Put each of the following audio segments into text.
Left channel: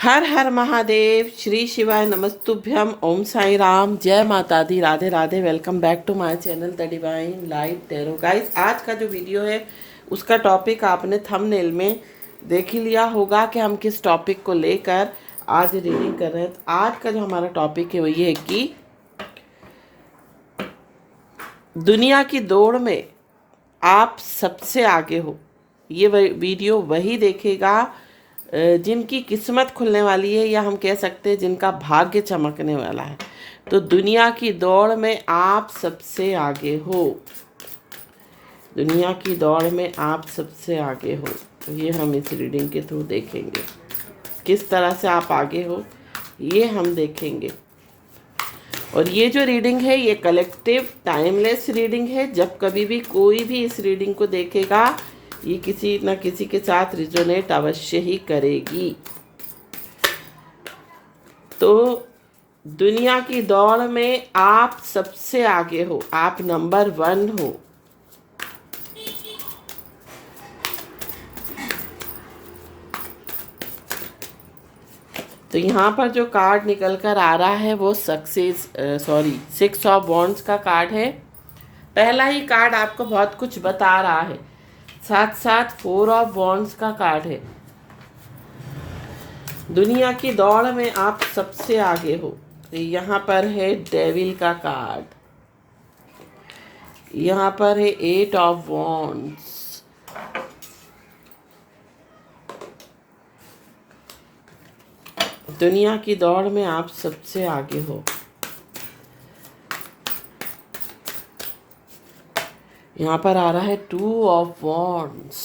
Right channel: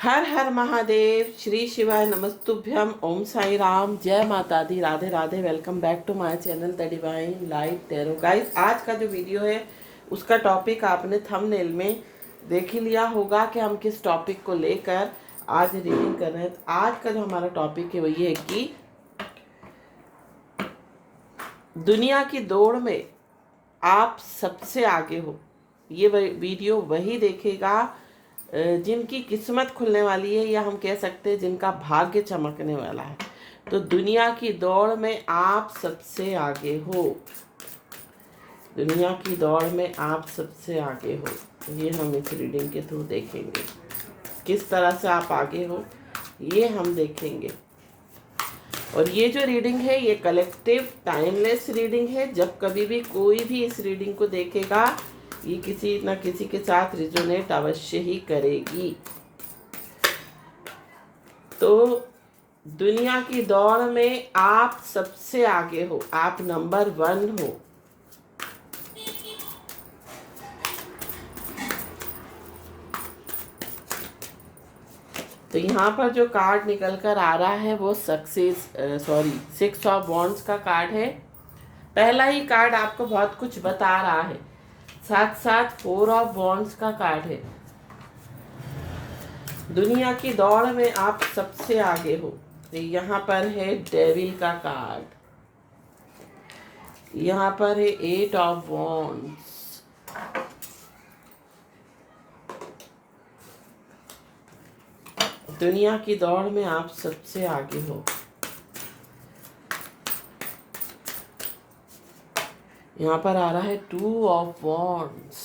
हर हर महादेव, श्री शिवाय नमस्तुभ्यम, ओम साई राम, जय Mata Di, Radhe Radhe. Welcome back to my channel the divine light tarot. Guys, आज का जो वीडियो है उसका टॉपिक आपने थंबनेल में देख ही लिया होगा कि हम किस टॉपिक को लेकर आज रीडिंग कर रहे हैं। तो आज का जो हमारा टॉपिक है वो ये है कि दुनिया की दौड़ में आप सबसे आगे हो। ये वीडियो वही देखेगा जिनकी किस्मत खुलने वाली है, या हम कह सकते हैं जिनका भाग्य चमकने वाला है। तो दुनिया की दौड़ में आप सबसे आगे हो। दुनिया की दौड़ में आप सबसे आगे हो, ये हम इस रीडिंग के थ्रू देखेंगे। किस तरह से आप आगे हो ये हम देखेंगे। और ये जो रीडिंग है ये कलेक्टिव टाइमलेस रीडिंग है। जब कभी भी कोई भी इस रीडिंग को देखेगा ये किसी न किसी के साथ रिजोनेट अवश्य ही करेगी। तो दुनिया की दौड़ में आप सबसे आगे हो, आप नंबर 1 हो। तो यहाँ पर जो कार्ड निकल कर आ रहा है वो सिक्स ऑफ वॉन्ड्स का कार्ड है। पहला ही कार्ड आपको बहुत कुछ बता रहा है। साथ साथ 4 ऑफ वॉन्ड्स का कार्ड है। दुनिया की दौड़ में आप सबसे आगे हो। यहाँ पर है डेविल का कार्ड, यहाँ पर है 8 ऑफ वॉन्ड्स, दुनिया की दौड़ में आप सबसे आगे हो। यहाँ पर आ रहा है 2 of wands,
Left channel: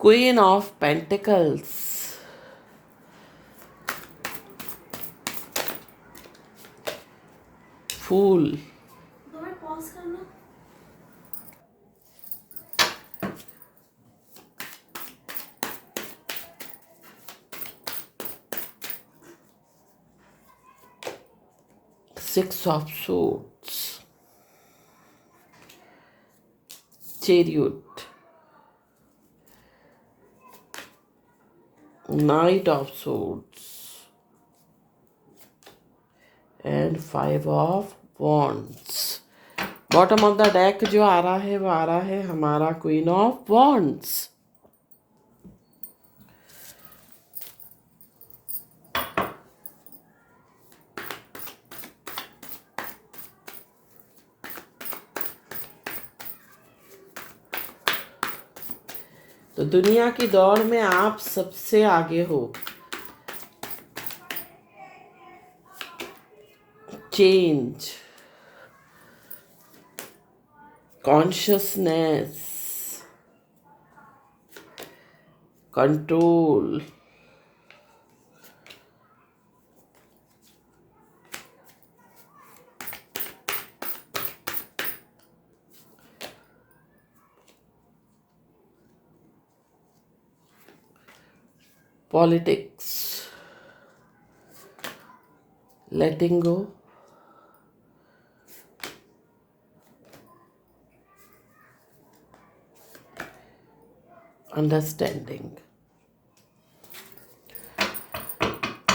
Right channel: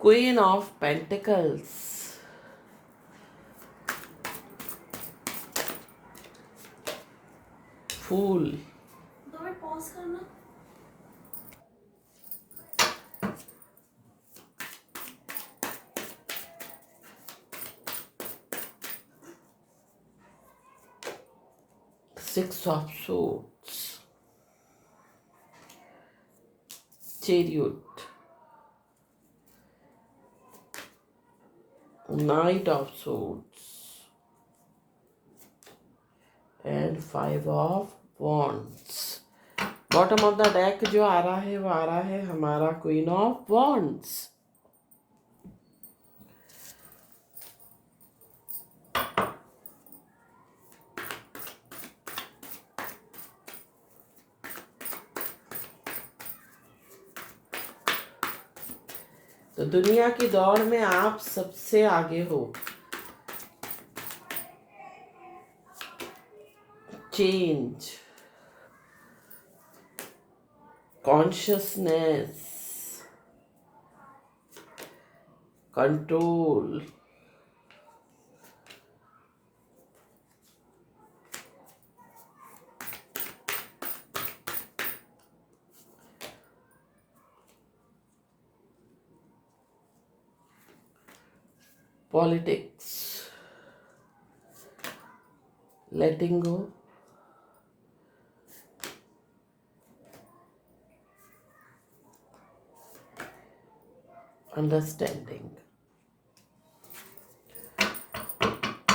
queen of pentacles, fool, pause करना। Six of swords, chariot, knight of swords and 5 of wands। Bottom of the deck जो आ रहा है वो आ रहा है हमारा क्वीन ऑफ वॉन्ड्स। तो दुनिया की दौड़ में आप सबसे आगे हो। Change, consciousness, control, politics, letting go, understanding.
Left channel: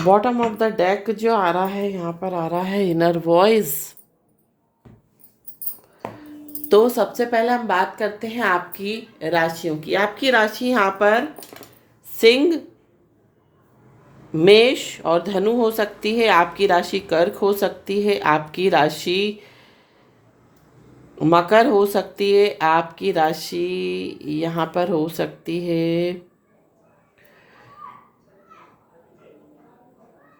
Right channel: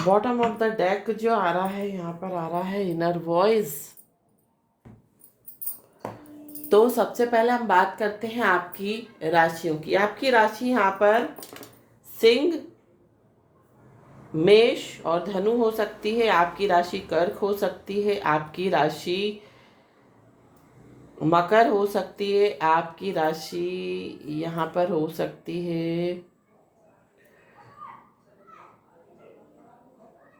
Bottom of the deck जो आ रहा है यहाँ पर आ रहा है इनर वॉइस। तो सबसे पहले हम बात करते हैं आपकी राशियों की। आपकी राशि यहाँ पर सिंह, मेष और धनु हो सकती है। आपकी राशि कर्क हो सकती है। आपकी राशि मकर हो सकती है। आपकी राशि यहाँ पर हो सकती है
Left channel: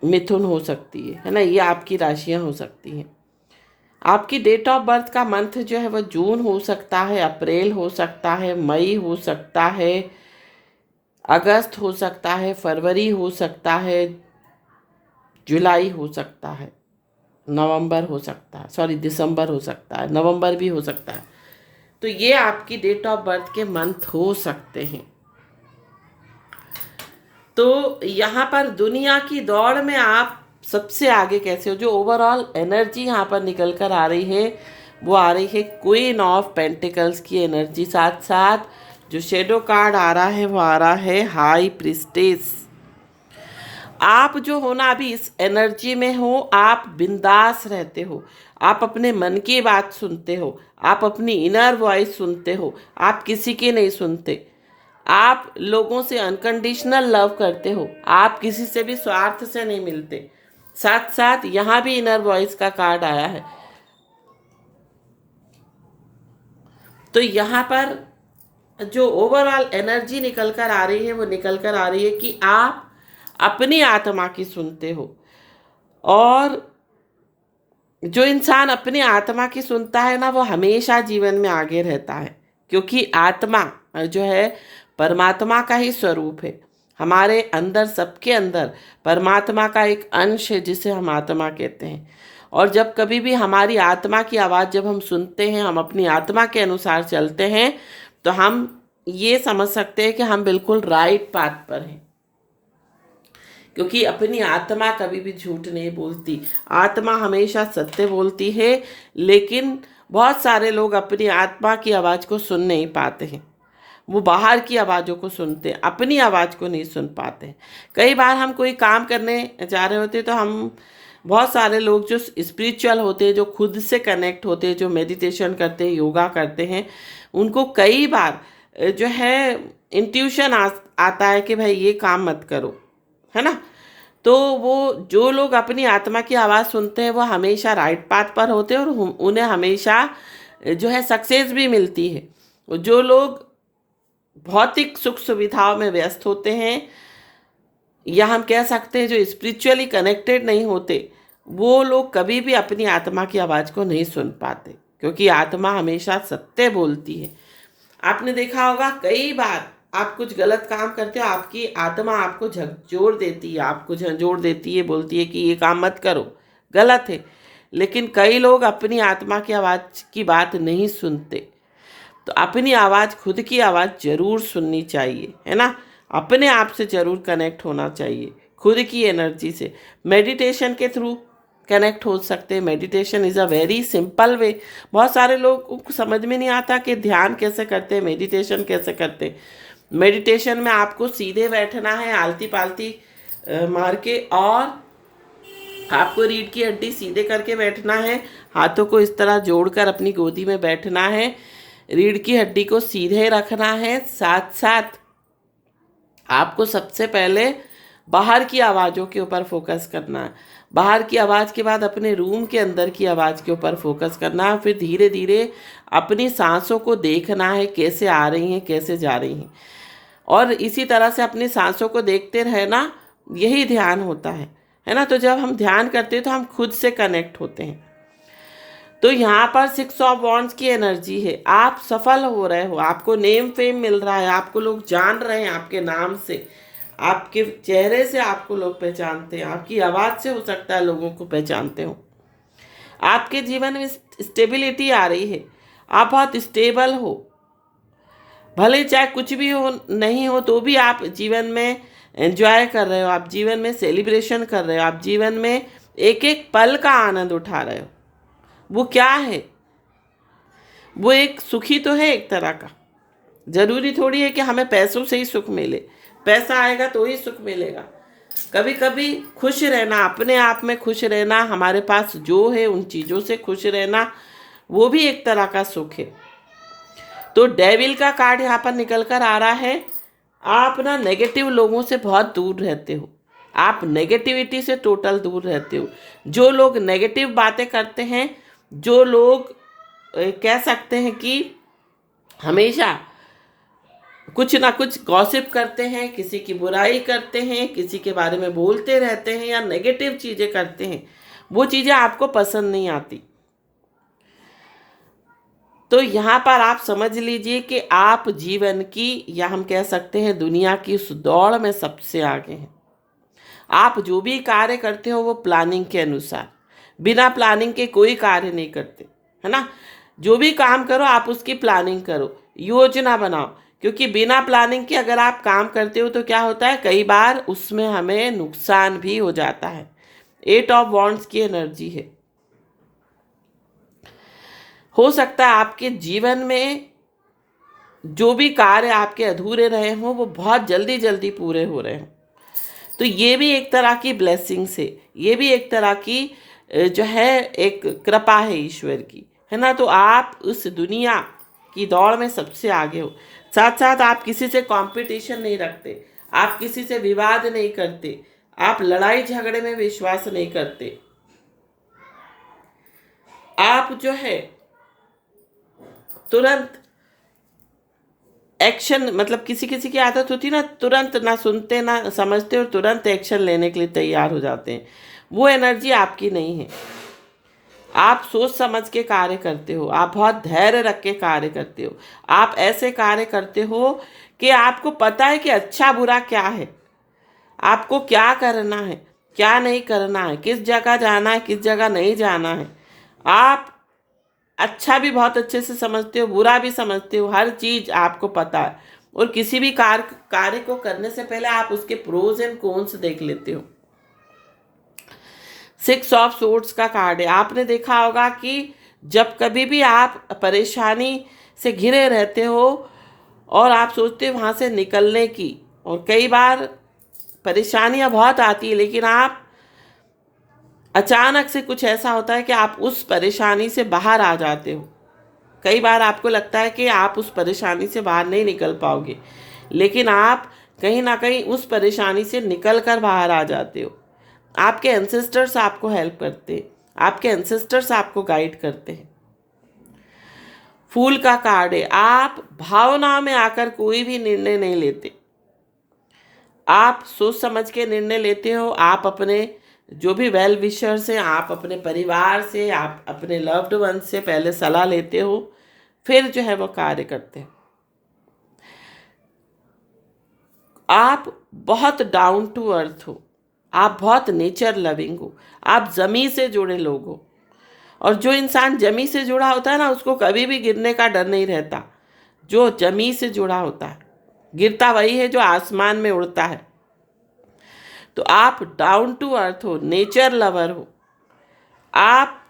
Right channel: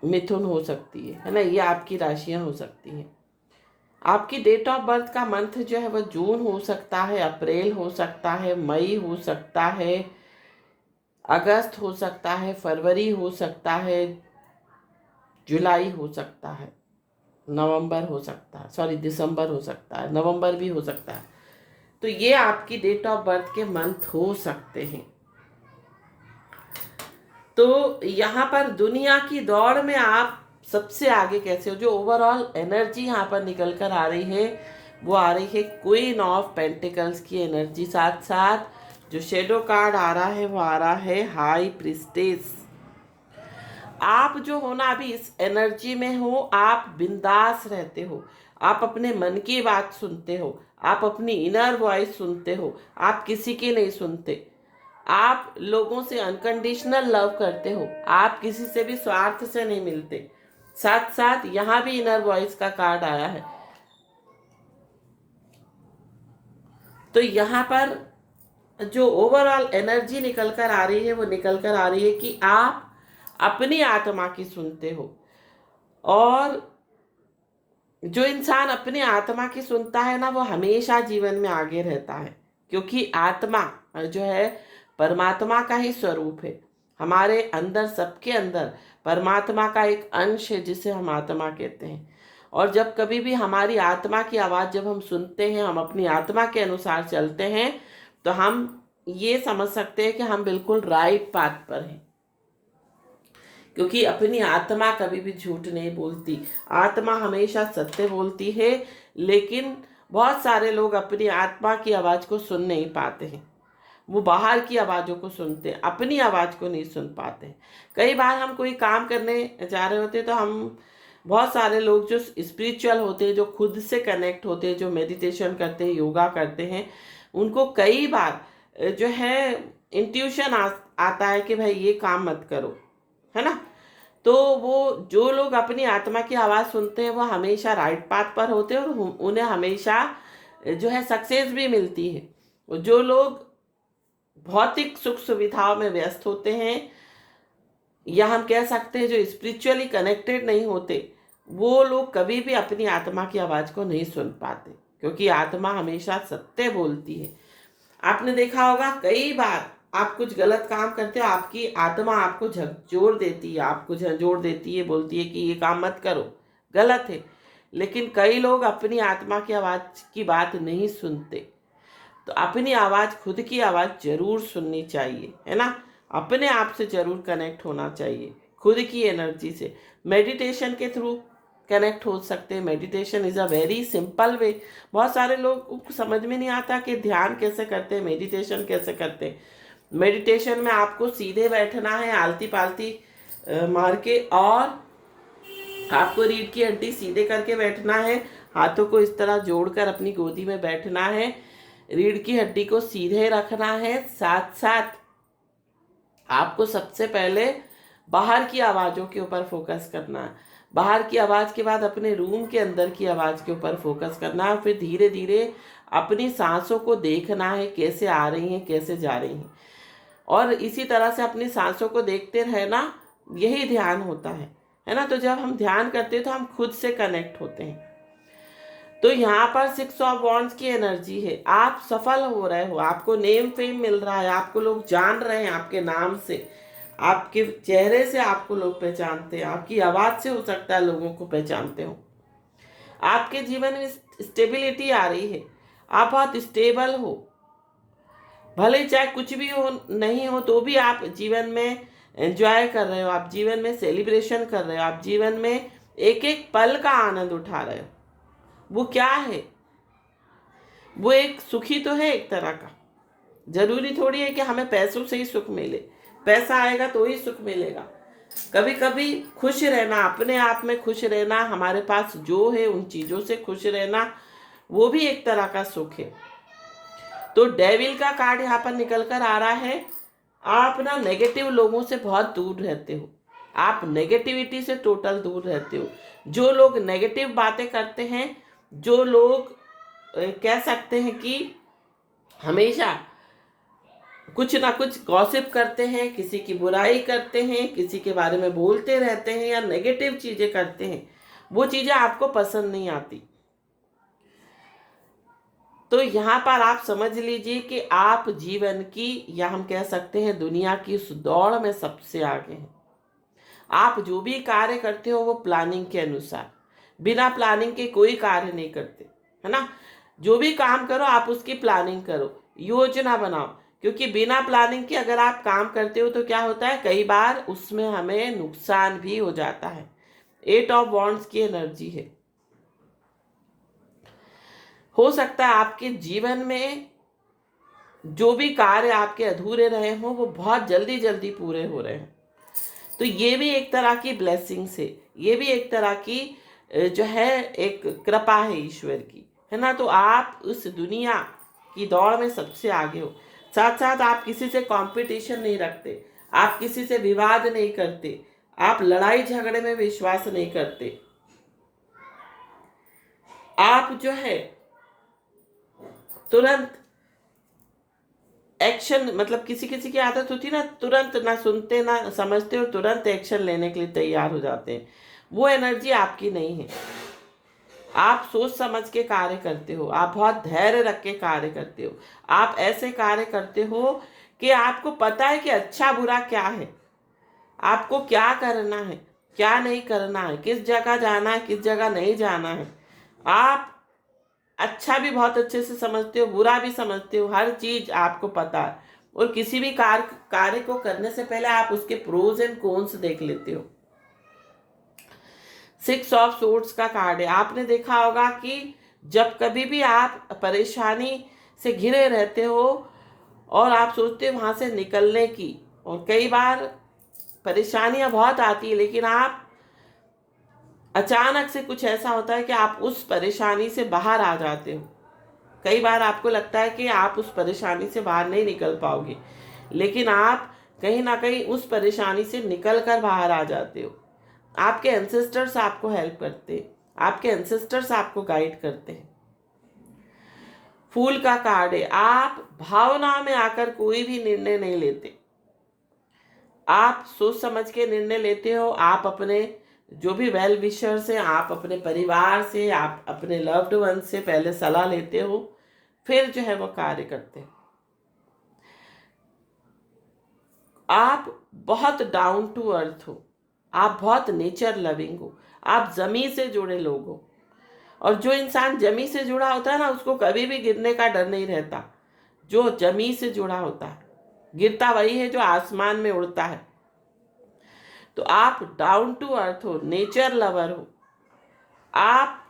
मिथुन हो सकती है ना। ये आपकी राशियां हो सकती हैं। आपकी डेट ऑफ बर्थ का मंथ जो है वो जून हो सकता है, अप्रैल हो सकता है, मई हो सकता है, अगस्त हो सकता है, फरवरी हो सकता है, जुलाई हो सकता है, नवंबर हो सकता है, दिसंबर हो सकता है, नवंबर भी हो सकता है। तो ये आपकी डेट ऑफ बर्थ के मंथ हो सकते हैं। तो यहाँ पर दुनिया की दौड़ में आप सबसे आगे कैसे हो, जो ओवरऑल एनर्जी यहाँ पर निकल कर आ रही है वो आ रही है क्वीन ऑफ पेंटिकल्स की एनर्जी। साथ साथ जो शेडो कार्ड आ रहा है वो आ रहा है हाई प्रिस्टेस। आप जो हो ना अभी इस एनर्जी में हो, आप बिंदास रहते हो, आप अपने मन की बात सुनते हो, आप अपनी इनर वॉइस सुनते हो, आप किसी की नहीं सुनते, आप लोगों से अनकंडीशनल लव करते हो, आप किसी से भी स्वार्थ से नहीं मिलते। साथ साथ यहाँ भी इनर वॉइस का कार्ड आया है। तो यहाँ पर जो ओवरऑल एनर्जी निकल कर आ रही है वो निकल कर आ रही है कि आप अपनी आत्मा की सुनते हो। और जो इंसान अपनी आत्मा की सुनता है ना वो हमेशा जीवन में आगे रहता है, क्योंकि आत्मा जो है परमात्मा का ही स्वरूप है। हमारे अंदर, सबके अंदर परमात्मा का एक अंश है जिसे हम आत्मा कहते हैं। और जब कभी भी हमारी आत्मा की आवाज़ जब हम सुनते हैं, हम अपनी आत्मा के अनुसार चलते हैं, तो हम ये समझ सकते हैं कि हम बिल्कुल राइट पाथ पर हैं, क्योंकि अपनी आत्मा कभी भी झूठ नहीं बोलती। आत्मा हमेशा सत्य बोलती है। लेकिन बहुत सारे लोग अपनी आत्मा की आवाज़ को सुन नहीं पाते हैं, वो बाहर की आवाज़ों को सुनते हैं, अपनी आवाज़ को नहीं सुन पाते हैं। कई बार हम कोई काम करने जा रहे होते हैं तो हम, बहुत सारे लोग जो स्पिरिचुअल होते हैं, जो खुद से कनेक्ट होते हैं, जो मेडिटेशन करते हैं, योगा करते हैं, उनको कई बार जो है इंट्यूशन आता है कि भाई ये काम मत करो, है ना। तो वो जो लोग अपनी आत्मा की आवाज़ सुनते हैं वो हमेशा राइट पाथ पर होते हैं और उन्हें हमेशा जो है सक्सेस भी मिलती है। जो लोग भौतिक सुख सुविधाओं में व्यस्त होते हैं, या हम कह सकते हैं जो स्पिरिचुअली कनेक्टेड नहीं होते, वो लोग कभी भी अपनी आत्मा की आवाज़ को नहीं सुन पाते, क्योंकि आत्मा हमेशा सत्य बोलती है। आपने देखा होगा कई बार आप कुछ गलत काम करते हो, आपकी आत्मा आपको झकझोर देती है, आपको झंझोड़ देती है, बोलती है कि ये काम मत करो, गलत है। लेकिन कई लोग अपनी आत्मा की आवाज़ की बात नहीं सुनते। तो अपनी आवाज़, खुद की आवाज़ जरूर सुननी चाहिए, है ना। अपने आप से जरूर कनेक्ट होना चाहिए, खुद की एनर्जी से। मेडिटेशन के थ्रू कनेक्ट हो सकते हैं। Meditation is a very simple way. बहुत सारे लोग को समझ में नहीं आता कि ध्यान कैसे करते हैं, मेडिटेशन कैसे करते हैं। मेडिटेशन में आपको सीधे बैठना है, आलती पालती मार के, और आपको रीढ़ की हड्डी सीधे करके बैठना है, हाथों को इस तरह जोड़कर अपनी गोदी में बैठना है, रीढ़ की हड्डी को सीधे रखना है। साथ साथ आपको सबसे पहले बाहर की आवाज़ों के ऊपर फोकस करना है। बाहर की आवाज़ के बाद अपने रूम के अंदर की आवाज़ के ऊपर फोकस करना है। फिर धीरे धीरे अपनी सांसों को देखना है, कैसे आ रही हैं, कैसे जा रही हैं। और इसी तरह से अपनी सांसों को देखते रहना, यही ध्यान होता है ना। तो जब हम ध्यान करते हैं तो हम खुद से कनेक्ट होते हैं। तो यहाँ पर 6 ऑफ वॉन्ड्स की एनर्जी है। आप सफल हो रहे हो, आपको नेम फेम मिल रहा है, आपको लोग जान रहे हैं आपके नाम से, आपके चेहरे से आपको लोग पहचानते हैं, आपकी आवाज़ से हो सकता है लोगों को पहचानते हो। आपके जीवन में स्टेबिलिटी आ रही है, आप बहुत स्टेबल हो। भले चाहे कुछ भी हो, नहीं हो, तो भी आप जीवन में एंजॉय कर रहे हो, आप जीवन में सेलिब्रेशन कर रहे हो, आप जीवन में एक एक पल का आनंद उठा रहे हो। वो क्या है? वो एक सुखी तो है एक तरह का। जरूरी थोड़ी है कि हमें पैसों से ही सुख मिले, पैसा आएगा तो ही सुख मिलेगा। कभी कभी खुश रहना, अपने आप में खुश रहना, हमारे पास जो है उन चीज़ों से खुश रहना, वो भी एक तरह का सुख है। तो डेविल का कार्ड यहाँ पर निकल कर आ रहा है। आप ना नेगेटिव लोगों से बहुत दूर रहते हो, आप नेगेटिविटी से टोटल दूर रहते हो। जो लोग नेगेटिव बातें करते हैं, जो लोग कह सकते हैं कि हमेशा कुछ ना कुछ गॉसिप करते हैं, किसी की बुराई करते हैं, किसी के बारे में बोलते रहते हैं या नेगेटिव चीज़ें करते हैं, वो चीज़ें आपको पसंद नहीं आती। तो यहाँ पर आप समझ लीजिए कि आप जीवन की, या हम कह सकते हैं दुनिया की उस दौड़ में सबसे आगे हैं। आप जो भी कार्य करते हो वो प्लानिंग के अनुसार, बिना प्लानिंग के कोई कार्य नहीं करते, है ना। जो भी काम करो आप उसकी प्लानिंग करो, योजना बनाओ, क्योंकि बिना प्लानिंग के अगर आप काम करते हो तो क्या होता है, कई बार उसमें हमें नुकसान भी हो जाता है। 8 ऑफ वॉन्ड्स की एनर्जी है। हो सकता है आपके जीवन में जो भी कार्य आपके अधूरे रहे हों वो बहुत जल्दी जल्दी पूरे हो रहे हों। तो ये भी एक तरह की ब्लेसिंग्स है, ये भी एक तरह की जो है एक कृपा है ईश्वर की, है ना। तो आप उस दुनिया की दौड़ में सबसे आगे हो। साथ साथ आप किसी से कंपटीशन नहीं रखते, आप किसी से विवाद नहीं करते, आप लड़ाई झगड़े में विश्वास नहीं करते। आप जो है तुरंत एक्शन, मतलब किसी किसी की आदत होती है ना, तुरंत ना सुनते ना समझते और तुरंत एक्शन लेने के लिए तैयार हो जाते हैं। वो एनर्जी आपकी नहीं है। आप सोच समझ के कार्य करते हो, आप बहुत धैर्य रख के कार्य करते हो, आप ऐसे कार्य करते हो कि आपको पता है कि अच्छा बुरा क्या है, आपको क्या करना है क्या नहीं करना है, किस जगह जाना है किस जगह नहीं जाना है। आप अच्छा भी बहुत अच्छे से समझते हो, बुरा भी समझते हो, हर चीज आपको पता है। और किसी भी कार्य को करने से पहले आप उसके प्रोज एंड कॉन्स देख लेते हो। 6 ऑफ सोर्ड्स का कार्ड है। आपने देखा होगा कि जब कभी भी आप परेशानी से घिरे रहते हो और आप सोचते हो वहां से निकलने की, और कई बार परेशानियां बहुत आती है, लेकिन आप अचानक से कुछ ऐसा होता है कि आप उस परेशानी से बाहर आ जाते हो। कई बार आपको लगता है कि आप उस परेशानी से बाहर नहीं निकल पाओगे, लेकिन आप कहीं ना कहीं उस परेशानी से निकल कर बाहर आ जाते हो। आपके एंसेस्टर्स आपको हेल्प करते हैं, आपके एंसेस्टर्स आपको गाइड करते हैं। फूल का कार्ड है। आप भावनाओं में आकर कोई भी निर्णय नहीं लेते, आप सोच समझ के निर्णय लेते हो। आप अपने जो भी वेल विशर्स हैं, आप अपने परिवार से, आप अपने लव्ड वन से पहले सलाह लेते हो, फिर जो है वो कार्य करते हो। आप बहुत डाउन टू अर्थ हो, आप बहुत नेचर लविंग हो, आप जमीन से जुड़े लोग हो। और जो इंसान जमीन से जुड़ा होता है ना, उसको कभी भी गिरने का डर नहीं रहता। जो जमीन से जुड़ा होता है, गिरता वही है जो आसमान में उड़ता है। तो आप डाउन टू अर्थ हो, नेचर लवर हो। आप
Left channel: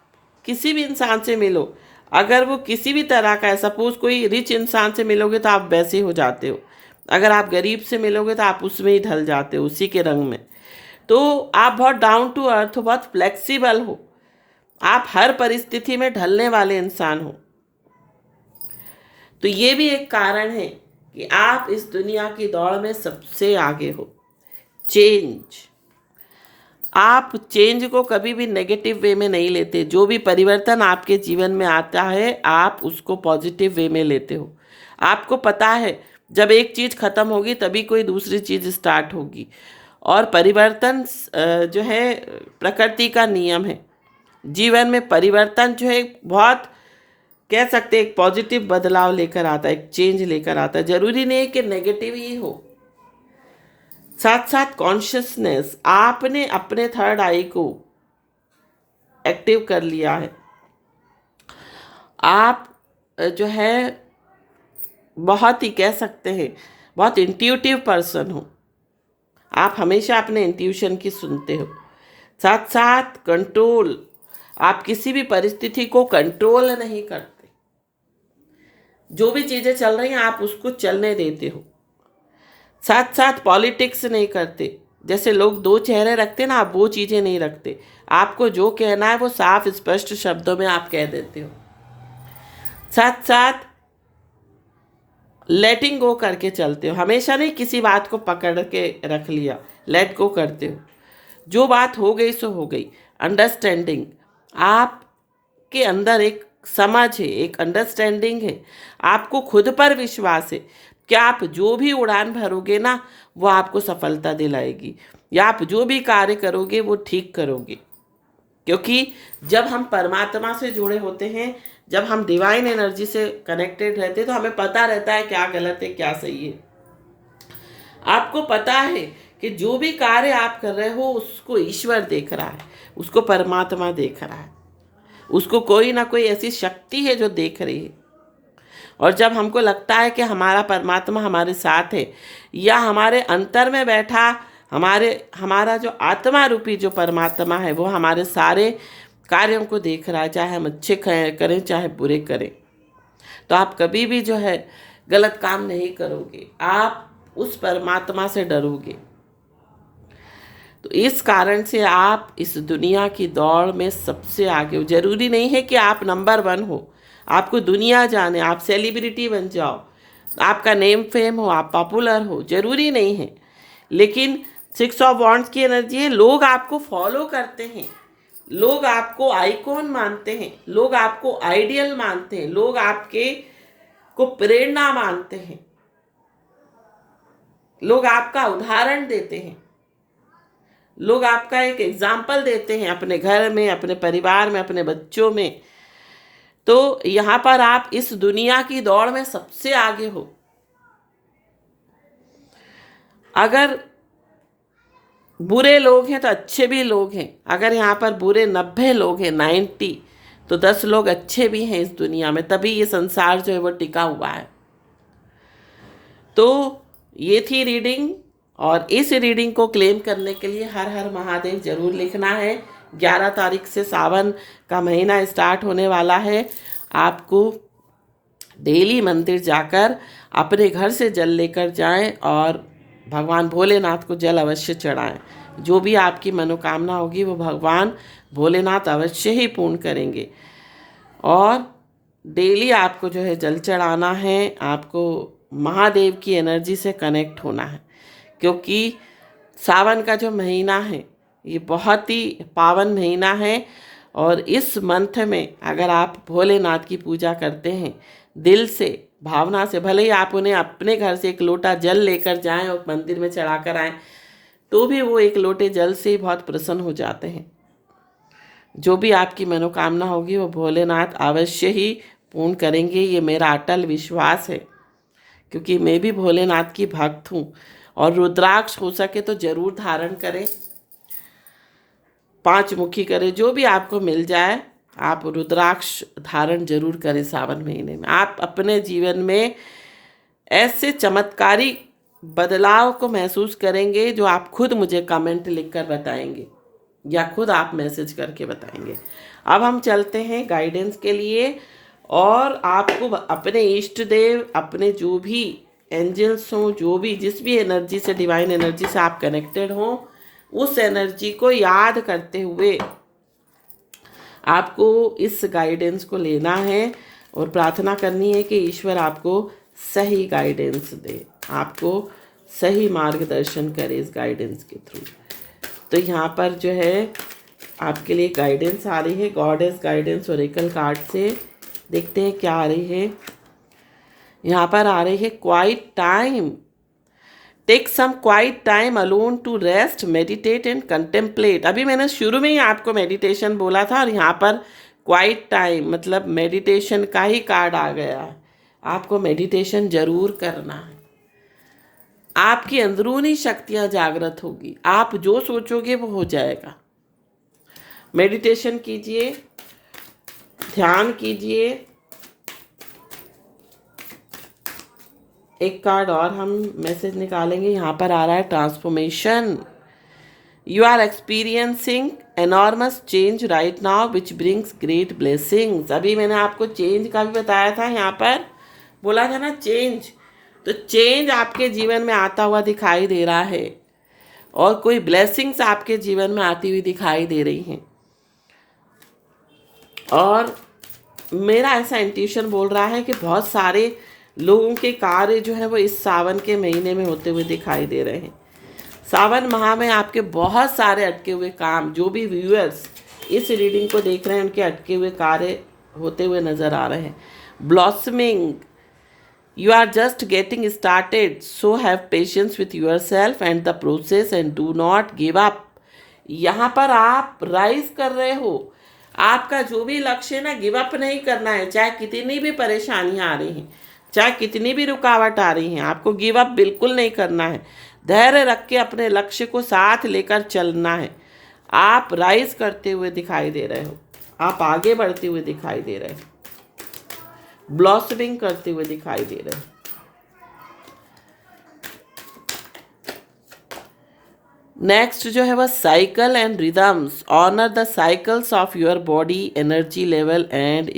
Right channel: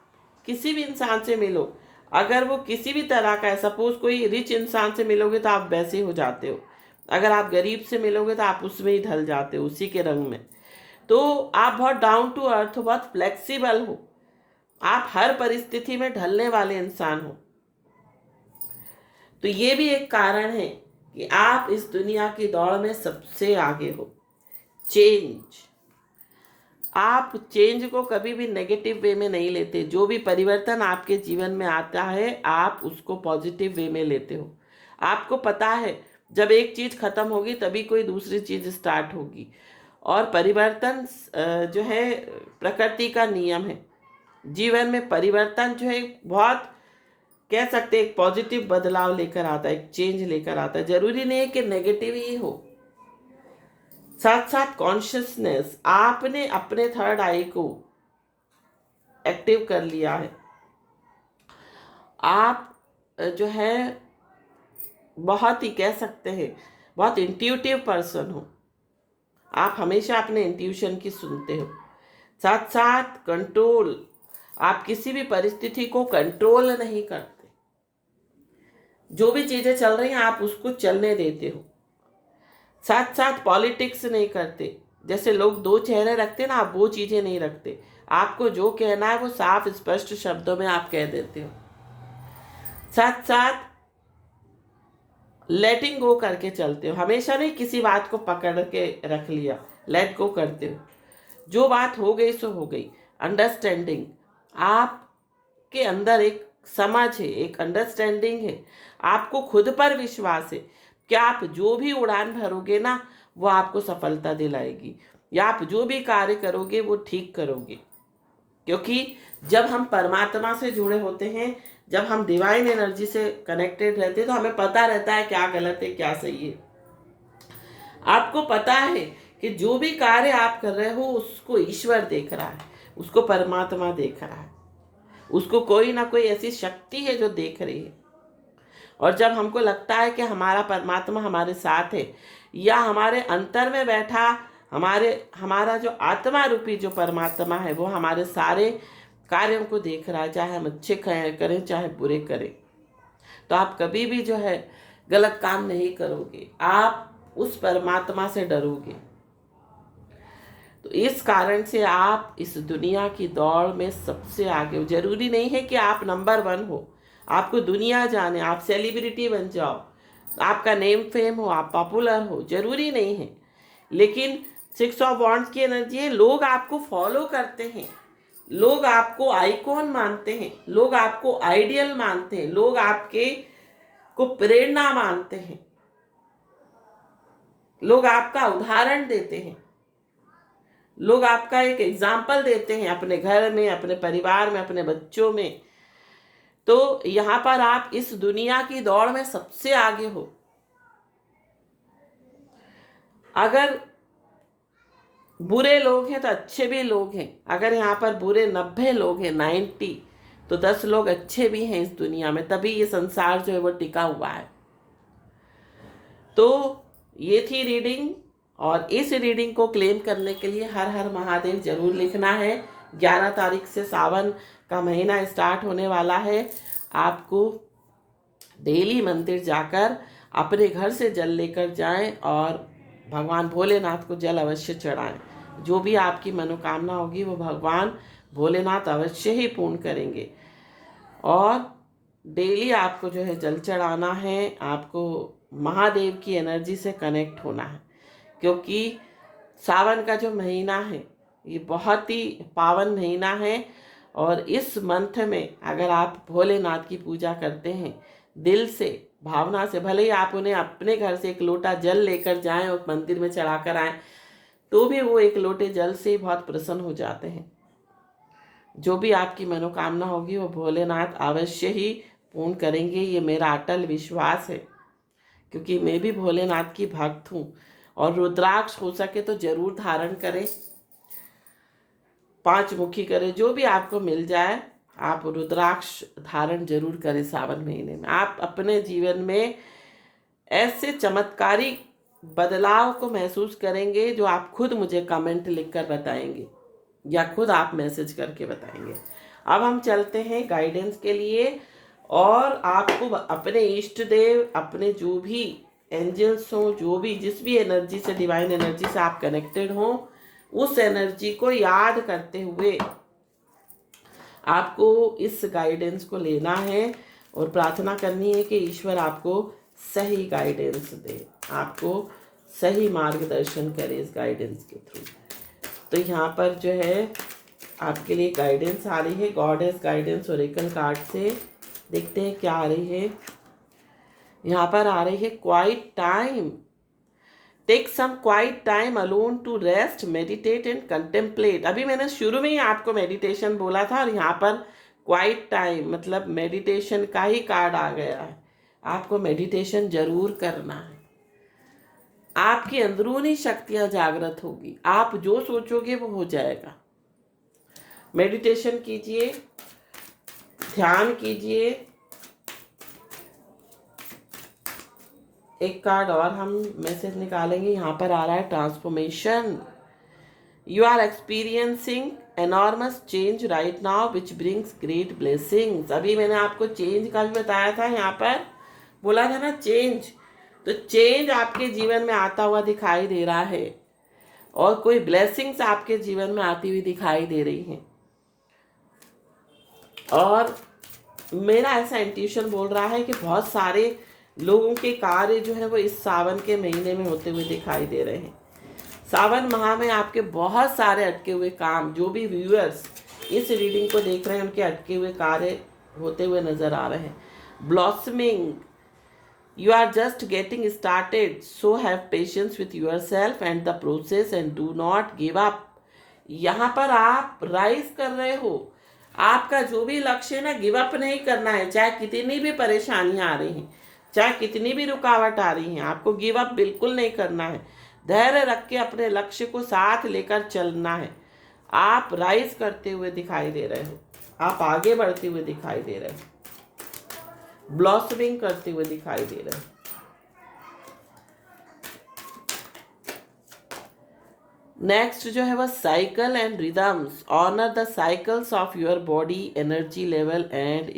किसी भी इंसान से मिलो, अगर वो किसी भी तरह का है, सपोज कोई रिच इंसान से मिलोगे तो आप वैसे हो जाते हो, अगर आप गरीब से मिलोगे तो आप उसमें ही ढल जाते हो, उसी के रंग में। तो आप बहुत डाउन टू अर्थ हो, बहुत फ्लेक्सिबल हो, आप हर परिस्थिति में ढलने वाले इंसान हो। तो ये भी एक कारण है कि आप इस दुनिया की दौड़ में सबसे आगे हो। चेंज, आप चेंज को कभी भी नेगेटिव वे में नहीं लेते। जो भी परिवर्तन आपके जीवन में आता है, आप उसको पॉजिटिव वे में लेते हो। आपको पता है जब एक चीज़ खत्म होगी तभी कोई दूसरी चीज़ स्टार्ट होगी। और परिवर्तन जो है प्रकृति का नियम है। जीवन में परिवर्तन जो है बहुत, कह सकते हैं, एक पॉजिटिव बदलाव लेकर आता है, एक चेंज लेकर आता है। जरूरी नहीं है कि नेगेटिव ही हो। साथ साथ कॉन्शियसनेस, आपने अपने थर्ड आई को एक्टिव कर लिया है। आप जो है बहुत ही, कह सकते हैं, बहुत इंट्यूटिव पर्सन हो। आप हमेशा अपने इंट्यूशन की सुनते हो। साथ साथ कंट्रोल, आप किसी भी परिस्थिति को कंट्रोल नहीं करते। जो भी चीज़ें चल रही हैं आप उसको चलने देते हो। साथ साथ पॉलिटिक्स नहीं करते। जैसे लोग दो चेहरे रखते ना, आप वो चीज़ें नहीं रखते। आपको जो कहना है वो साफ स्पष्ट शब्दों में आप कह देते हो। साथ साथ लेटिंग गो करके चलते हो, हमेशा नहीं किसी बात को पकड़ के रख लिया, लेट गो करते हो। जो बात हो गई सो हो गई। अंडरस्टैंडिंग, आपके अंदर एक समझ है, एक अंडरस्टैंडिंग है, आपको खुद पर विश्वास है कि आप जो भी उड़ान भरोगे ना वो आपको सफलता दिलाएगी, या आप जो भी कार्य करोगे वो ठीक करोगे। क्योंकि जब हम परमात्मा से जुड़े होते हैं, जब हम डिवाइन एनर्जी से कनेक्टेड रहते हैं, तो हमें पता रहता है क्या गलत है क्या सही है। आपको पता है कि जो भी कार्य आप कर रहे हो उसको ईश्वर देख रहा है, उसको परमात्मा देख रहा है, उसको कोई ना कोई ऐसी शक्ति है जो देख रही है। और जब हमको लगता है कि हमारा परमात्मा हमारे साथ है, या हमारे अंतर में बैठा हमारा जो आत्मा रूपी जो परमात्मा है वो हमारे सारे कार्यों को देख रहा है, चाहे हम अच्छे करें चाहे बुरे करें। तो आप कभी भी जो है गलत काम नहीं करोगे, आप उस परमात्मा से डरोगे। तो इस कारण से आप इस दुनिया की दौड़ में सबसे आगे हो। जरूरी नहीं है कि आप नंबर 1 हो, आपको दुनिया जाने, आप सेलिब्रिटी बन जाओ, आपका नेम फेम हो, आप पॉपुलर हो, जरूरी नहीं है। लेकिन 6 ऑफ वॉन्ड्स की एनर्जी है, लोग आपको फॉलो करते हैं, लोग आपको आइकॉन मानते हैं, लोग आपको आइडियल मानते हैं, लोग आपके को प्रेरणा मानते हैं, लोग आपका उदाहरण देते हैं, लोग आपका एक एग्जाम्पल देते हैं अपने घर में, अपने परिवार में, अपने बच्चों में। तो यहां पर आप इस दुनिया की दौड़ में सबसे आगे हो। अगर बुरे लोग हैं तो अच्छे भी लोग हैं। अगर यहाँ पर बुरे 90 लोग हैं, 90, तो 10 लोग अच्छे भी हैं इस दुनिया में, तभी ये संसार जो है वो टिका हुआ है। तो ये थी रीडिंग, और इस रीडिंग को क्लेम करने के लिए हर हर महादेव जरूर लिखना है। 11 तारीख से सावन का महीना स्टार्ट होने वाला है। आपको डेली मंदिर जाकर अपने घर से जल लेकर जाएं और भगवान भोलेनाथ को जल अवश्य चढ़ाएं। जो भी आपकी मनोकामना होगी वो भगवान भोलेनाथ अवश्य ही पूर्ण करेंगे। और डेली आपको जो है जल चढ़ाना है, आपको महादेव की एनर्जी से कनेक्ट होना है, क्योंकि सावन का जो महीना है ये बहुत ही पावन महीना है। और इस मंथ में अगर आप भोलेनाथ की पूजा करते हैं दिल से, भावना से, भले ही आप उन्हें अपने घर से एक लोटा जल लेकर जाएं और मंदिर में चढ़ा कर आएँ, तो भी वो एक लोटे जल से बहुत प्रसन्न हो जाते हैं। जो भी आपकी मनोकामना होगी वो भोलेनाथ अवश्य ही पूर्ण करेंगे, ये मेरा अटल विश्वास है, क्योंकि मैं भी भोलेनाथ की भक्त हूँ। और रुद्राक्ष हो सके तो जरूर धारण करें, 5 मुखी करें, जो भी आपको मिल जाए आप रुद्राक्ष धारण जरूर करें सावन महीने में। आप अपने जीवन में ऐसे चमत्कारी बदलाव को महसूस करेंगे जो आप खुद मुझे कमेंट लिखकर बताएंगे या खुद आप मैसेज करके बताएंगे। अब हम चलते हैं गाइडेंस के लिए, और आपको अपने इष्ट देव, अपने जो भी एंजल्स हों, जो भी जिस भी एनर्जी से, डिवाइन एनर्जी से आप कनेक्टेड हों, उस एनर्जी को याद करते हुए आपको इस गाइडेंस को लेना है और प्रार्थना करनी है कि ईश्वर आपको सही गाइडेंस दे, आपको सही मार्गदर्शन करे इस गाइडेंस के थ्रू। तो यहाँ पर जो है आपके लिए गाइडेंस आ रही है, गॉडेस गाइडेंस ओरेकल कार्ड से। देखते हैं क्या आ रही है। यहाँ पर आ रही है quiet time, take some quiet time alone to rest, meditate and contemplate. अभी मैंने शुरू में ही आपको मेडिटेशन बोला था, और यहाँ पर क्वाइट टाइम मतलब मेडिटेशन का ही कार्ड आ गया है। आपको मेडिटेशन जरूर करना है, आपकी अंदरूनी शक्तियां जागृत होगी, आप जो सोचोगे वो हो जाएगा। मेडिटेशन कीजिए, ध्यान कीजिए। एक कार्ड और हम मैसेज निकालेंगे। यहाँ पर आ रहा है transformation. You are experiencing enormous change right now which brings great blessings. अभी मैंने आपको चेंज का भी बताया था, यहाँ पर बोला था ना चेंज, तो चेंज आपके जीवन में आता हुआ दिखाई दे रहा है, और कोई ब्लेसिंग्स आपके जीवन में आती हुई दिखाई दे रही हैं। और मेरा ऐसा इंट्यूशन बोल रहा है कि बहुत सारे लोगों के कार्य जो है वो इस सावन के महीने में होते हुए दिखाई दे रहे हैं। सावन माह में आपके बहुत सारे अटके हुए काम, जो भी व्यूअर्स इस रीडिंग को देख रहे हैं उनके अटके हुए कार्य होते हुए नजर आ रहे हैं। Blossoming, you are just getting started, so have patience with yourself and the process and do not give up। यहाँ पर आप राइज कर रहे हो, आपका जो भी लक्ष्य है ना, गिव अप नहीं करना है। चाहे कितनी भी परेशानियां आ रही हैं, चाहे कितनी भी रुकावट आ रही हैं, आपको गिव अप बिल्कुल नहीं करना है। धैर्य रख के अपने लक्ष्य को साथ लेकर चलना है। आप राइज करते हुए दिखाई दे रहे हो, आप आगे बढ़ते हुए दिखाई दे रहे हो, ब्लॉसमिंग करते हुए दिखाई दे रहे हो। नेक्स्ट जो है वह cycle and rhythms, honour the cycles of your body, energy level and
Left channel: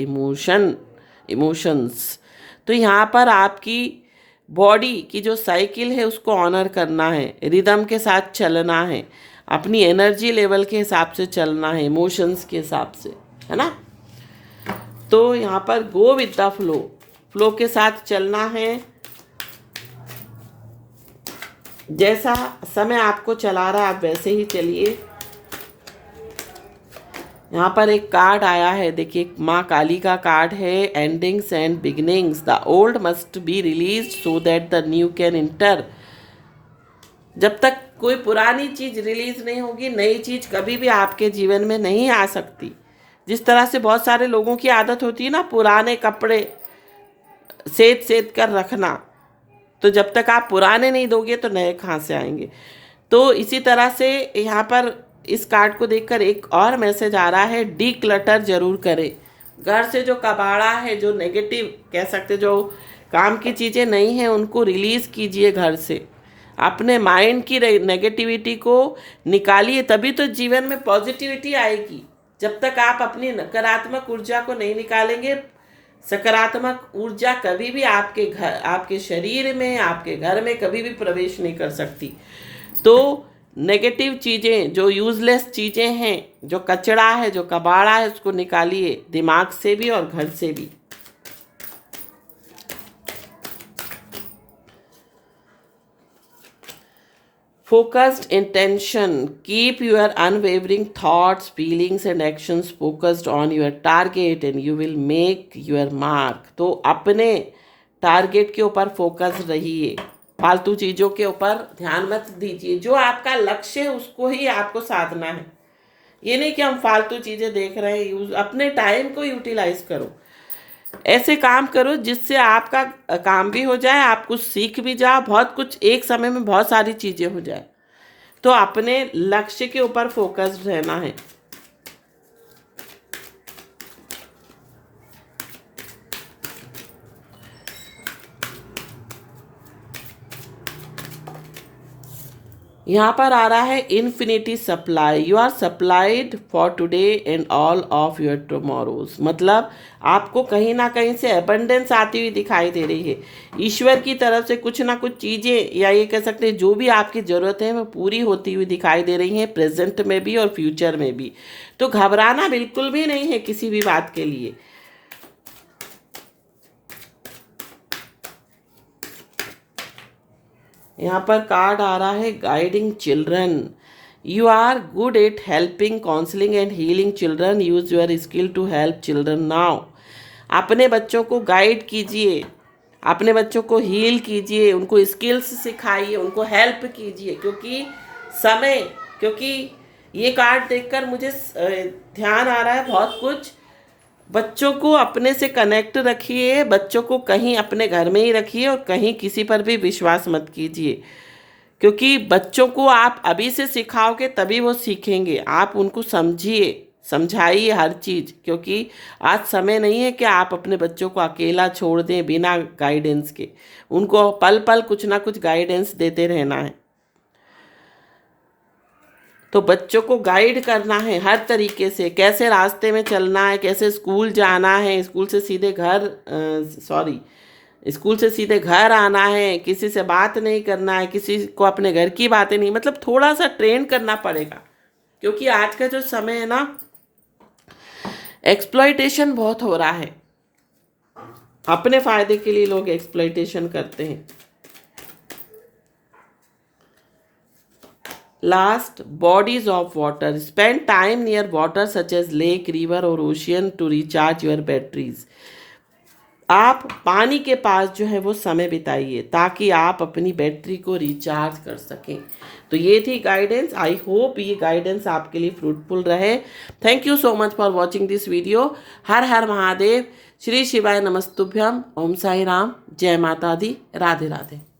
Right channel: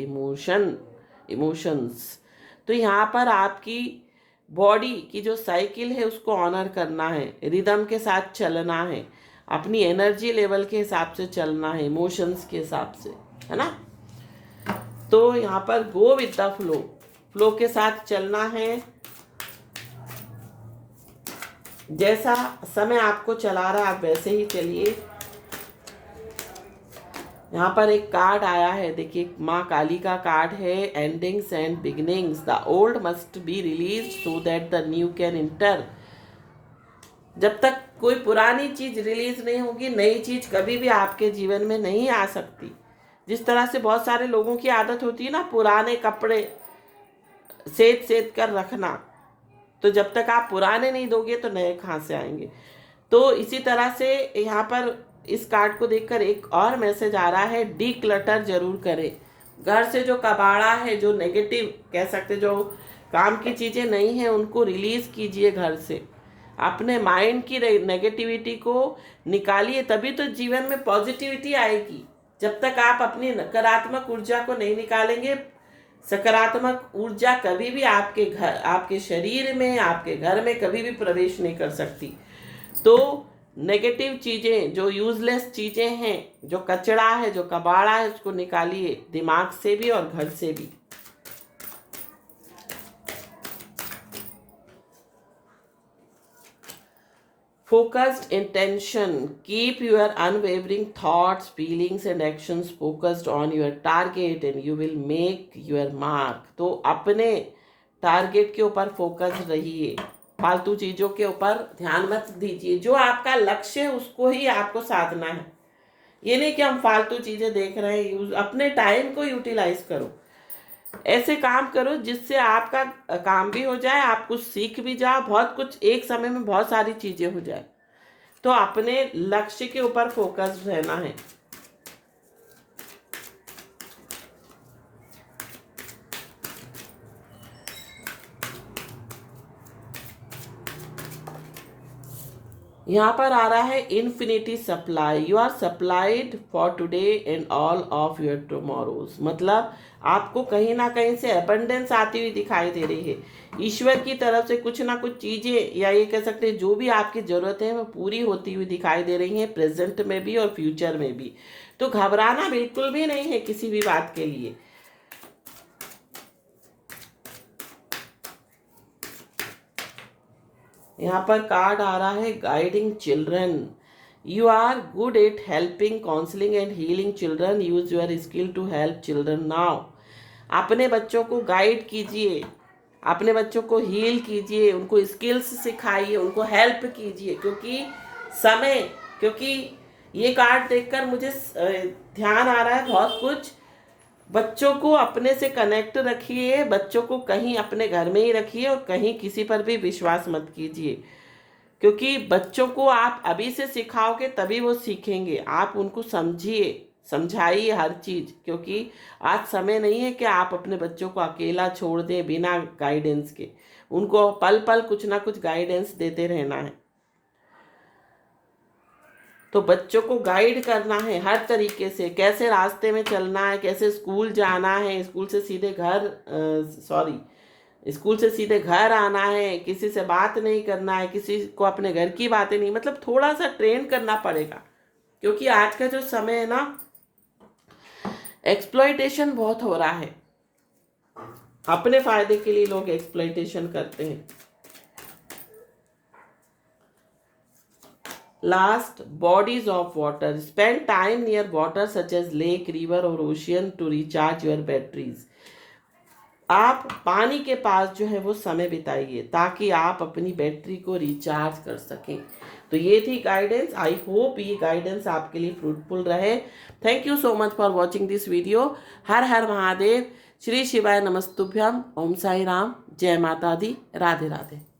emotions. तो यहाँ पर आपकी बॉडी की जो साइकिल है उसको ऑनर करना है, रिदम के साथ चलना है, अपनी एनर्जी लेवल के हिसाब से चलना है, इमोशंस के हिसाब से, है ना। तो यहाँ पर go with the flow, flow के साथ चलना है। जैसा समय आपको चला रहा है आप वैसे ही चलिए। यहाँ पर एक कार्ड आया है, देखिए माँ काली का कार्ड है, endings and beginnings, the old must be release so that the new can inter. जब तक कोई पुरानी चीज रिलीज नहीं होगी, नई चीज कभी भी आपके जीवन में नहीं आ सकती। जिस तरह से बहुत सारे लोगों की आदत होती है ना, पुराने कपड़े सेद सेद कर रखना, तो जब तक आप पुराने नहीं दोगे तो नए कहाँ से आएंगे। तो इसी तरह से यहाँ पर इस कार्ड को देखकर एक और मैसेज आ रहा है, डी क्लटर जरूर करें। घर से जो कबाड़ा है, जो नेगेटिव कह सकते, जो काम की चीज़ें नहीं हैं, उनको रिलीज़ कीजिए घर से। अपने माइंड की नेगेटिविटी को निकालिए, तभी तो जीवन में पॉजिटिविटी आएगी। जब तक आप अपनी नकारात्मक ऊर्जा को नहीं निकालेंगे, सकारात्मक ऊर्जा कभी भी आपके घर, आपके शरीर में, आपके घर में कभी भी प्रवेश नहीं कर सकती। तो नेगेटिव चीज़ें, जो यूजलेस चीज़ें हैं, जो कचरा है, जो कबाड़ा है, उसको निकालिए, दिमाग से भी और घर से भी। Focused intention, keep your unwavering thoughts, feelings and actions focused on your target and you will make your mark। तो अपने टारगेट के ऊपर फोकस रहिए, फालतू चीज़ों के ऊपर ध्यान मत दीजिए। जो आपका लक्ष्य है उसको ही आपको साधना है। ये नहीं कि हम फालतू चीज़ें देख रहे हैं, अपने टाइम को यूटिलाइज करो। ऐसे काम करो जिससे आपका काम भी हो जाए, आप कुछ सीख भी जाओ, बहुत कुछ एक समय में बहुत सारी चीज़ें हो जाए। तो अपने लक्ष्य के ऊपर फोकस रहना है। यहाँ पर आ रहा है infinity supply, you are supplied for today and all of your tomorrows. मतलब आपको कहीं ना कहीं से अबंडेंस आती हुई दिखाई दे रही है। ईश्वर की तरफ से कुछ ना कुछ चीज़ें, या ये कह सकते हैं जो भी आपकी ज़रूरत है वो पूरी होती हुई दिखाई दे रही हैं, प्रेजेंट में भी और फ्यूचर में भी। तो घबराना बिल्कुल भी नहीं है किसी भी बात के लिए। यहाँ पर कार्ड आ रहा है guiding children, you are good at helping, counselling and healing children, use your skill to help children now. अपने बच्चों को गाइड कीजिए, अपने बच्चों को हील कीजिए, उनको स्किल्स सिखाइए, उनको हेल्प कीजिए। क्योंकि ये कार्ड देखकर मुझे ध्यान आ रहा है बहुत कुछ। बच्चों को अपने से कनेक्ट रखिए, बच्चों को कहीं अपने घर में ही रखिए और कहीं किसी पर भी विश्वास मत कीजिए। क्योंकि बच्चों को आप अभी से सिखाओगे तभी वो सीखेंगे। आप उनको समझाइए हर चीज़, क्योंकि आज समय नहीं है कि आप अपने बच्चों को अकेला छोड़ दें बिना गाइडेंस के। उनको पल पल कुछ ना कुछ गाइडेंस देते रहना है। तो बच्चों को गाइड करना है हर तरीके से, कैसे रास्ते में चलना है, कैसे स्कूल जाना है, स्कूल से सीधे घर आना है, किसी से बात नहीं करना है, किसी को अपने घर की बातें नहीं, मतलब थोड़ा सा ट्रेन करना पड़ेगा। क्योंकि आज का जो समय है ना, एक्सप्लॉयटेशन बहुत हो रहा है। अपने फायदे के लिए लोग एक्सप्लॉयटेशन करते हैं। Last, bodies of water. Spend time near water such as lake, river or ocean to recharge your batteries. आप पानी के पास जो है वो समय बिताइए ताकि आप अपनी बैटरी को रिचार्ज कर सकें। तो ये थी गाइडेंस। आई होप ये गाइडेंस आपके लिए फ्रूटफुल रहे। Thank you so much for watching this video. हर हर महादेव, श्री शिवाय नमस्तुभ्यम, ओम साई राम, जय माता दी, राधे राधे।